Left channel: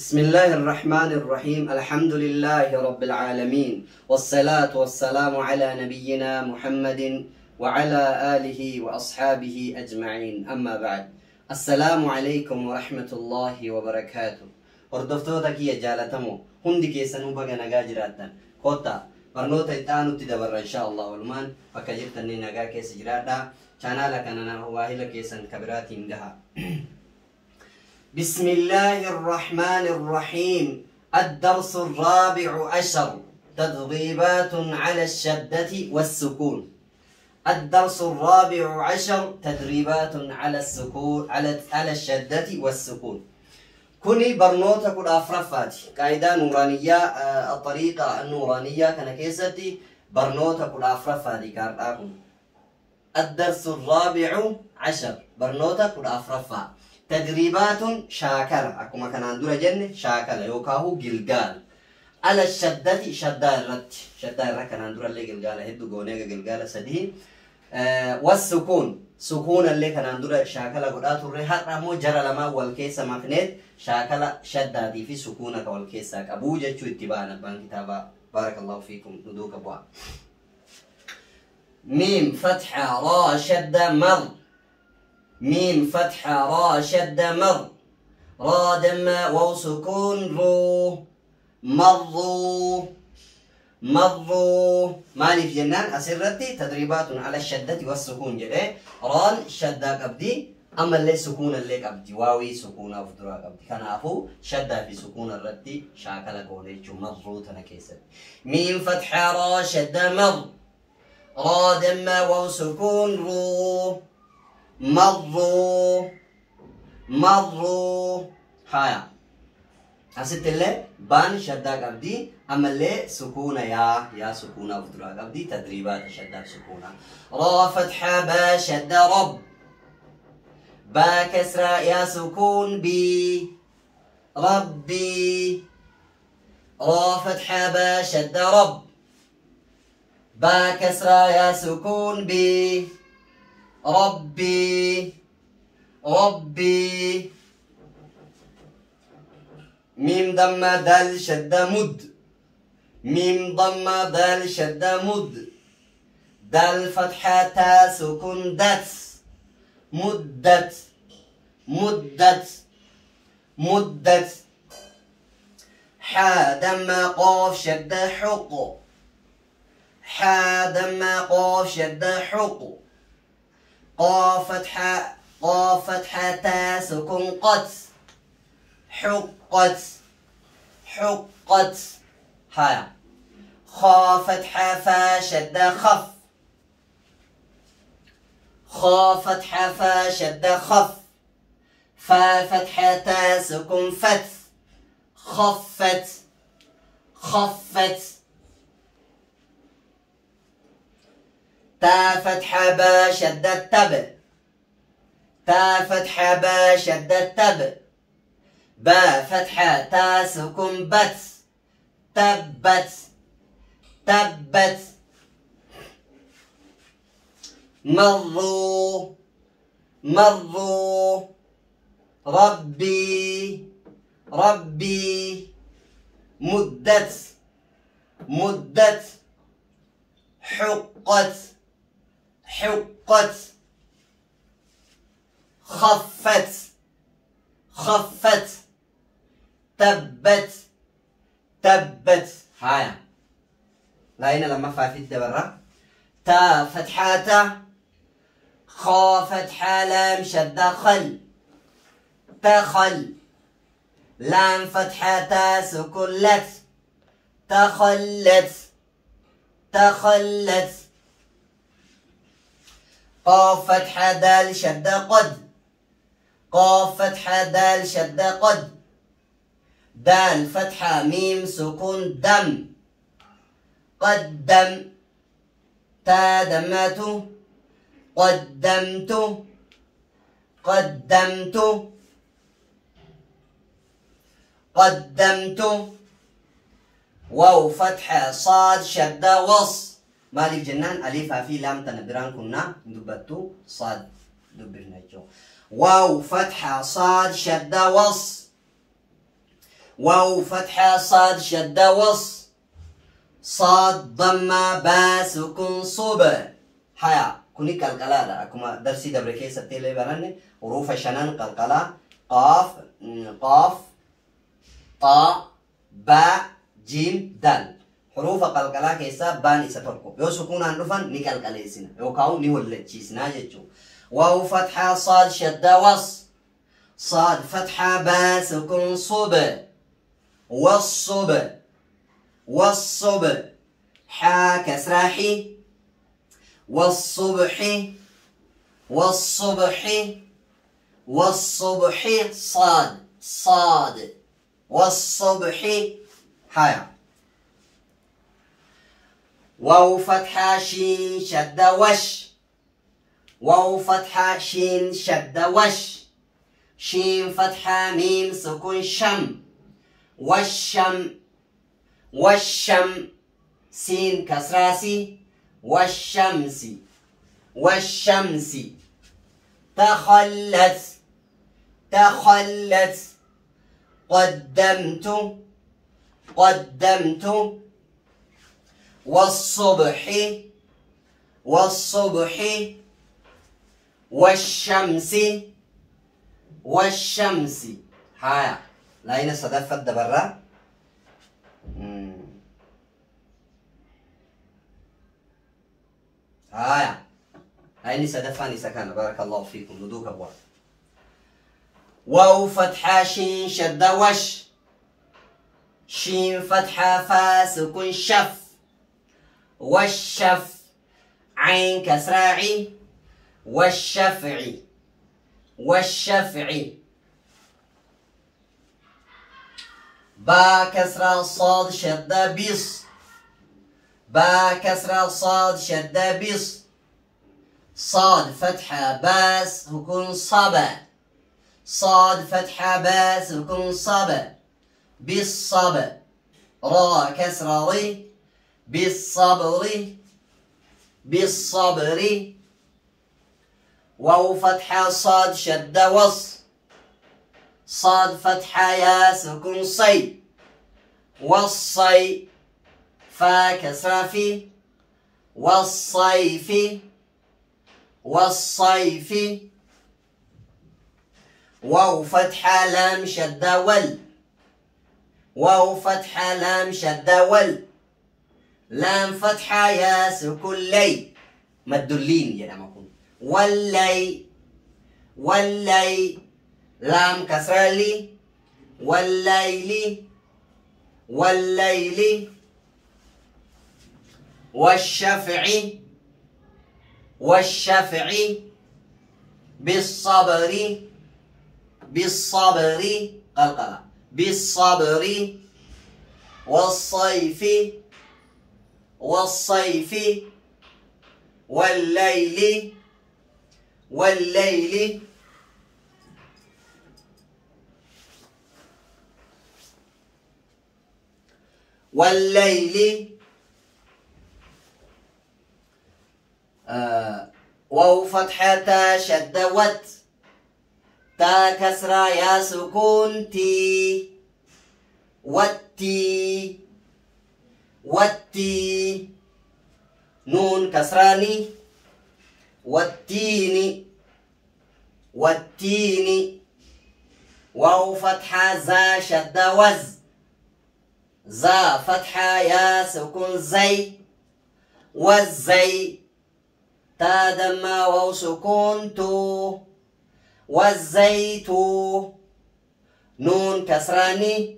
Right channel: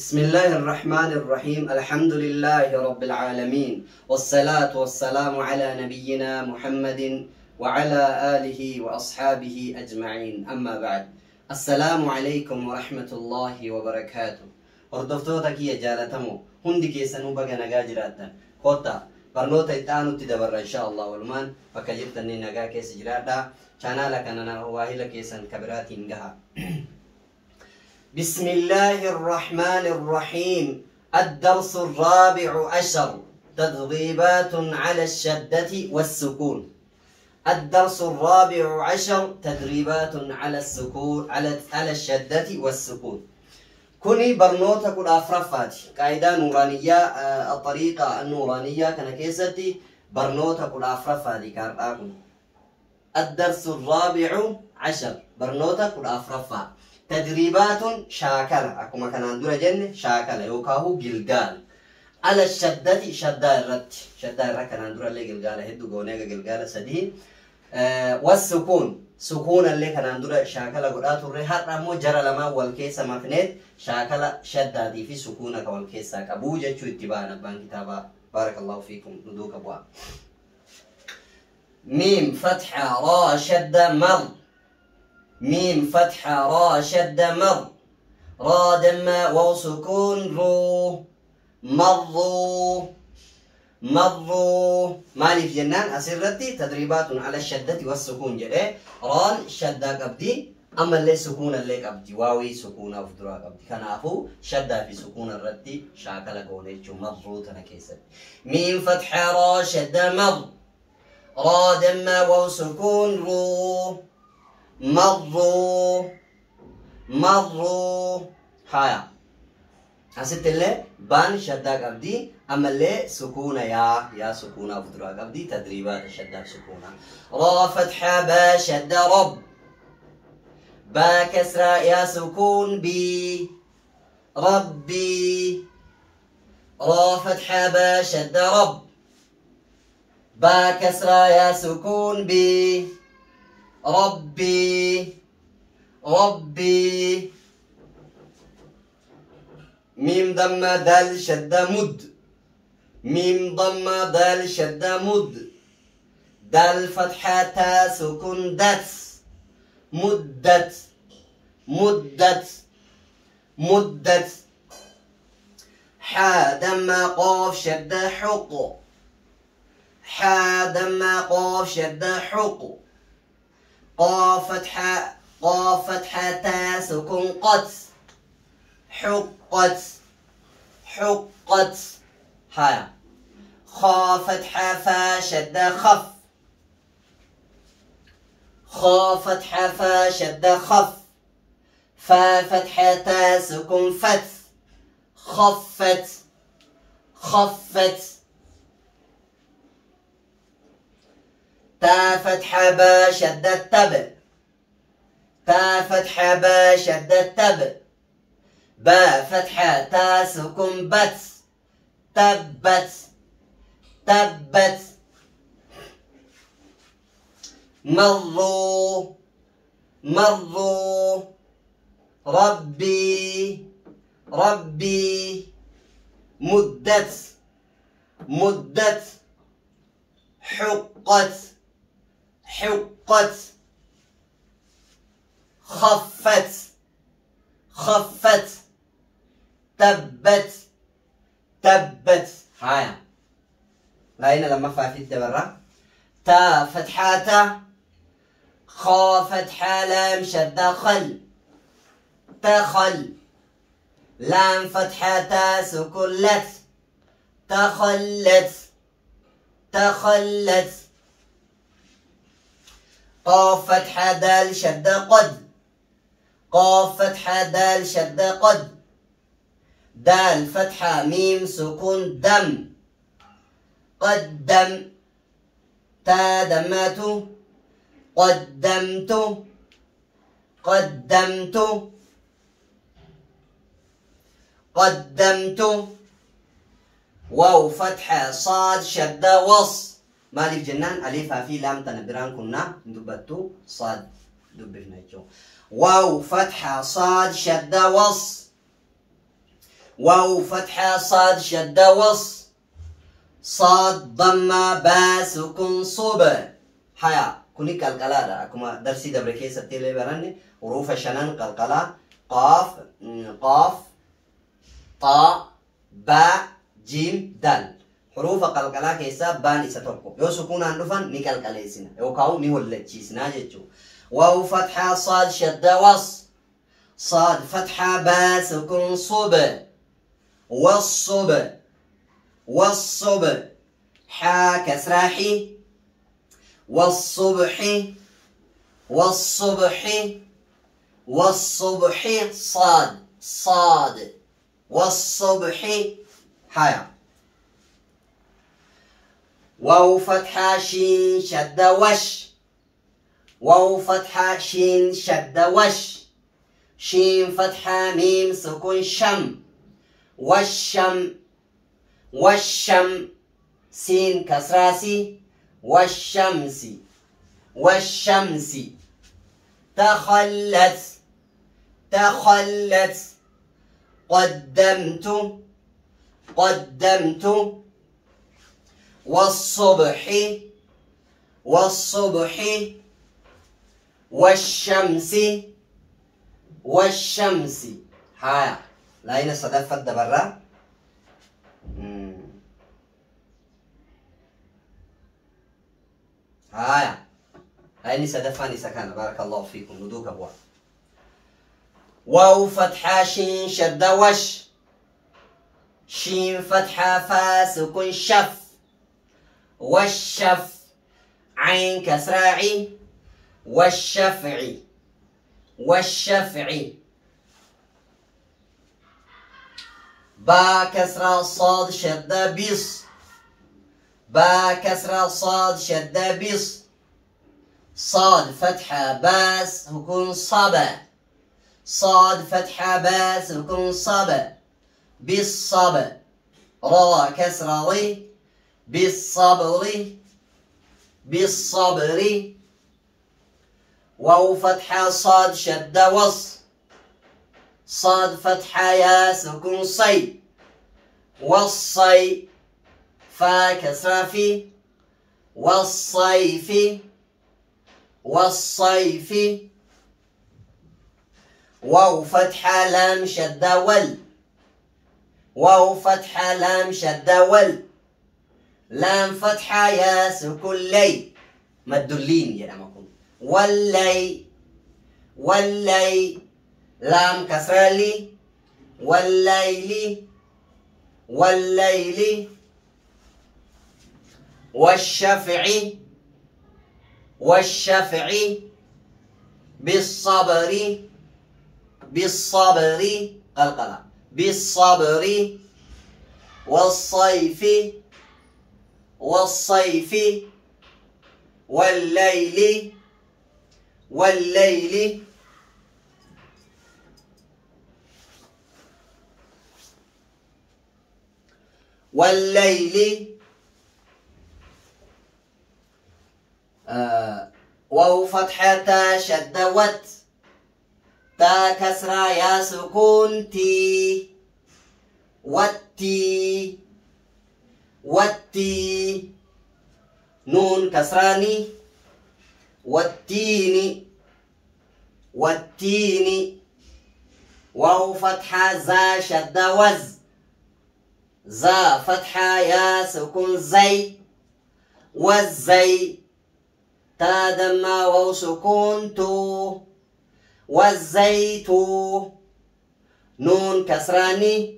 بسم الله الرحمن الرحيم. الحمد لله رب العالمين، والصلاة والسلام على نبينا محمد وعلى آله وأصحابه أجمعين. أما بعد، السلام عليكم ورحمة الله وبركاته. وردفتوتك يا جالتمو هندك يسنو بغا نجاجراتا كوتا برنوتا يتانو تدبر إن شاء الله والمان فكجبتني نجا كيس جراتا channel أنا واهلا كيسن كبرات إنجها. بسم الله الرحمن الرحيم. الدرس الرابع عشر، تدريبات على الشدة والسكون. الدرس الرابع عشر، تدريبات على السكون على الشدة والسكون. كوني برنوتا كل أفرافاتي قاعدة نورانية، الطريقة النورانية كان كيستي برنوتا كل أفرافاتي كارتاكم. الدرس الرابع عشر، برنوتا كل أفرافات. تدريبات شاكلة، أكما كان عندنا جنة شاكلة يوكاهو جلجال على الشدة. شدة الرت، شدة الرت كان عندنا اللي جلجال هدو جونيجا جلجال سدي. والسكون، سكون اللي كان عندنا شاكلة قرأت الرهات رامو جرى لما والكيسة مكنت شاكلة شدة دي في سكونك والكيسة أبوجة شو اتباعنا بان كتابة. بارك الله فيكم. ندوك أبواب. ميم فتحة را شدة مر، ميم فتحة را شدة مر، را دم واو سكون رو، مروا مروا. مالي في جنان أسرتي تدريبات على الشدة والسكون جده. ران شدة قبدي، أما اللي سكون اللي قبدي واوي سكون أو فدرا قبدي كان أفو شدة في سكون الردي شاكل قوني جو مروا تنكيسد. ميم فتحة را شدة مر، را دم واو سكون رو، مروا مروا. هايا أسيت اللي بان شدة قبدي، أما اللي سكونة يا سكونة وفترة قبدي تدريبات شدة سكونة. را فتحة با شدة رب، با كسرة يا سكون بي، ربي. را فتحة با شدة رب، با كسرة يا سكون بي، ربي ربي. ميم ضمة دال شدة مد، ميم ضمة دال شدة مد، دال فتحة تا سكون دت، مدت مدت مدت. حا دمة قاف شدة حق، حا دمة قاف شدة حق، قاف فتحة تا سكون قت، حقت حقت. هاي خا فتحة فا شدة خف، خا فتحة فا شدة خف، فا فتحة تا سكون فت، خفت خفت. تا فتحة با شدة تب، تا فتحة با شدة تب، با فتحة تا سكون بت، تبت تبت. مروا مروا. ربي ربي. مدت مدت. حقت حقت. خفت خفت. تبت تبت. هاي لأن لما فافيت برا. تا فتحاتا، خا فتحة لام شدة خل، تخل. لام فتحاتا سكون لت، تخلت تخلت. قاف فتحة دال شدة قد، قاف فتحة دال شدة قد، دال فتحة ميم سكون دم، قدم. تا دمات، قدمت قدمت قدمت. واو فتحة صاد شدة وص، مالك جنان ألف في لام تنبران كنا دبتو صاد دبرنا جو. واو فتحة صاد شدة وص، واو فتحة صاد شدة وص صاد ضمة با سكون صوب حيا كوني قلقلة أكما درسي دبركي ستيلي براني حروف شنان قلقلة قاف قاف طاء باء جيم دال حروف قلقلة كيسا بان إساتوكو يو سكون أنفن نقلقلة سنة يو كاو نولد سنة جيجو واو فتحة صاد شدة وص صاد فتحة با سكون صوب والصب والصب حا كسراحي والصبح والصبح والصبح صاد صاد والصبح حيا واو فتحة شين شد وش واو فتحة شين شد وش شين فتحة ميم سكون شم والشم والشم سين كسراسي والشمس والشمس تخلت تخلت قدمت قدمت والصبح والصبح والشمس والشمس ها لاين صدفت دبرة هايا لاين صدفاني سكان بارك الله فيكم ندوك أبواب واو فتحة شين شد وش شين فتحة فا سكون شف والشف عين كسراعي والشفع والشفع با كسرة صاد شدة بيص با كسرة صاد شدة بيص صاد فتحة باس هكون صبا صاد فتحة باس هكون صبا بالصبا را كسرة ري بالصبر بالصبر واو فتحة صاد شدة وص صاد فتحة يا سكون صي والصي فا كسرة في والصيف والصيف واو فتحة لام شدة ول واو فتحة لام شدة ول لام فتحة يا سكون لي مدلين يا نمكن واللي واللي لام كسرة لي والليل والليل والشفع والشفع بالصبر بالصبر قلقلة بالصبر والصيف والصيف والليل والليل والليل واو فتحة شد وت تا كسرة يا سكون تي وتي وتي نون كسراني والتين والتين واو فتحة زا شد وز زا فتحة يا سكون زي والزي تا دم واو سكون تو والزيت نون كسراني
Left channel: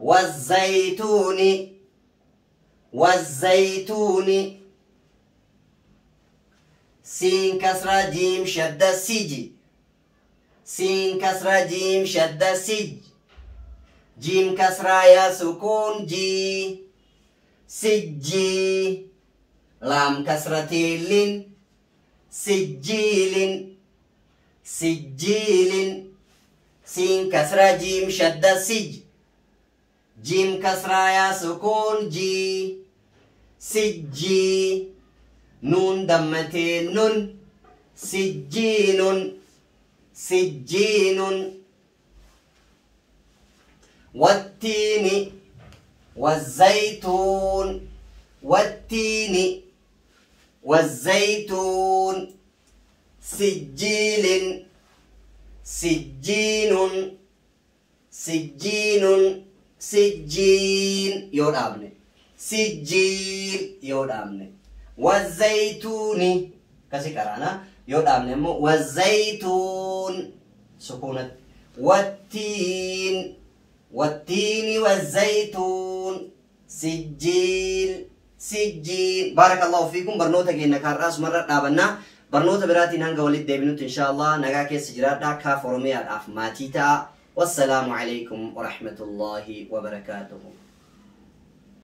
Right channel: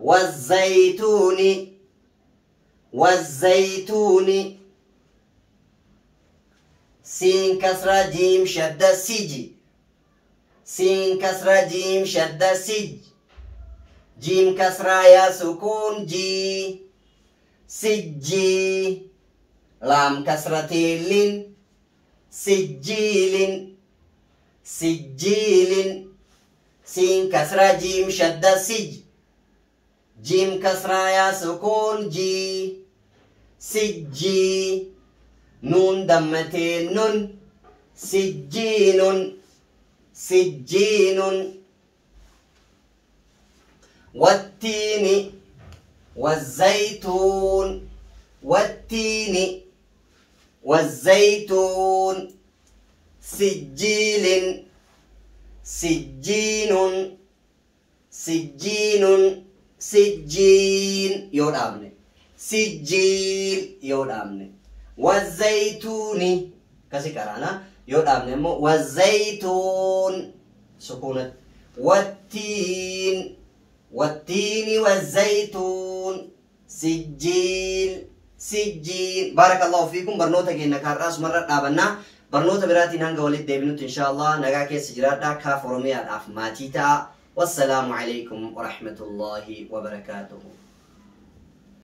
والزيتون والزيتون سين كسرة جيم شدة سيجي سين كسرة جيم شدة سيج جيم كسرة يا سكون جي سجي لام كسرة لين سجيل سجيل سين كسرة جيم شدة سج جيم كسرة يا سكون جي سجي نون دمتين نون سجين سجين والتين والزيتون والتين والزيتون سجيل سجين سجين سجين يود أبني سجيل يود أبني والزيتون كسي كرانا يود أبني والزيتون سكونة والتين والتين والزيتون سجيل سجين بارك الله فيكم برنوتا كي نكارس مرة نابنا برنوتا براتي نانغا ولد ديبنوت إن شاء الله نغا كي سجراتا كافورمي الأف ماتيتا والسلام عليكم ورحمة الله وبركاته.